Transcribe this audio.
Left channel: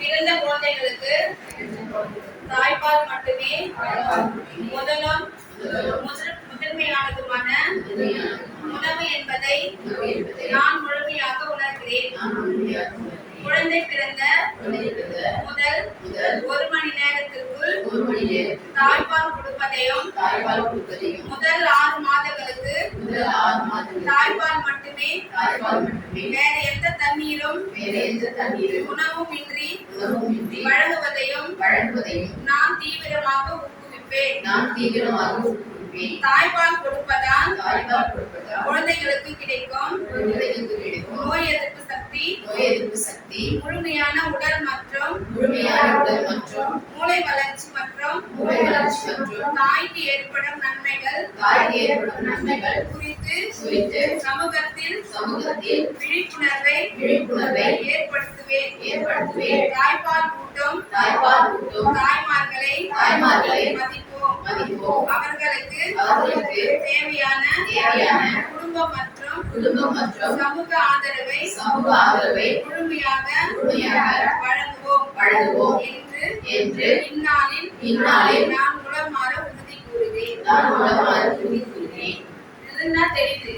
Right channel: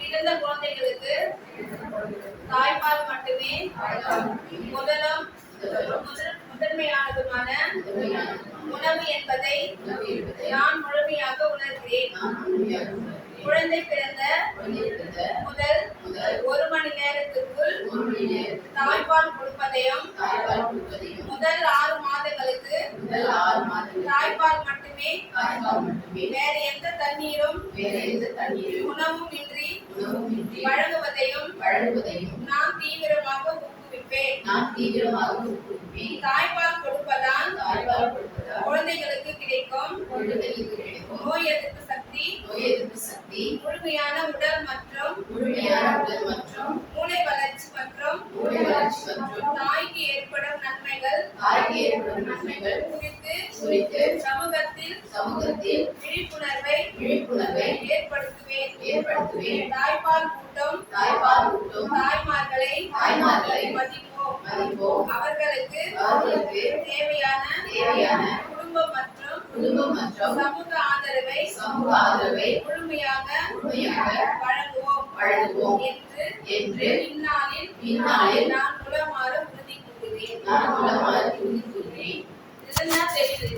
பிறந்த குழந்தைகளுக்கு தாய்ப்பால் மட்டுமே முதன்மையானதுமான உணவு என்பதை நான் முழுமையாக உணர்கிறேன். குழந்தை பிறந்த முதல் 1 மணி நேரத்திற்குள் தாய்ப்பால் கொடுப்பதையும் முதல் 6 மாதங்களுக்கு தாய்ப்பால் மட்டுமே வேற எந்த தண்ணீரும் உணவும் இன்றி வழங்குவதையும் நான் தீவிரமாக ஊக்குவிப்பேன். தாய்ப்பால் கொடுப்பதால் குழந்தைகளுக்கு கிடைக்கும் நோய் எதிர்ப்பு சக்தி, முழுமையான உடல் மற்றும் மூளை வளர்ச்சி மற்றும் தாய்க்கு ஏற்படும் நன்மைகள் குறித்து சமூகத்தில் விழிப்புணர்வை ஏற்படுத்துவேன். தாய்ப்பால் ஊட்டும் தாய்மார்களை மதிப்போம். அவர்களுக்கு தேவையான குடும்பம் மற்றும் சமூக ஆதரவை முழுமையாக வழங்குவோம் என்று இந்நாளில் நான் உளமாற உறுதி கூறுகிறேன். தெரியுது.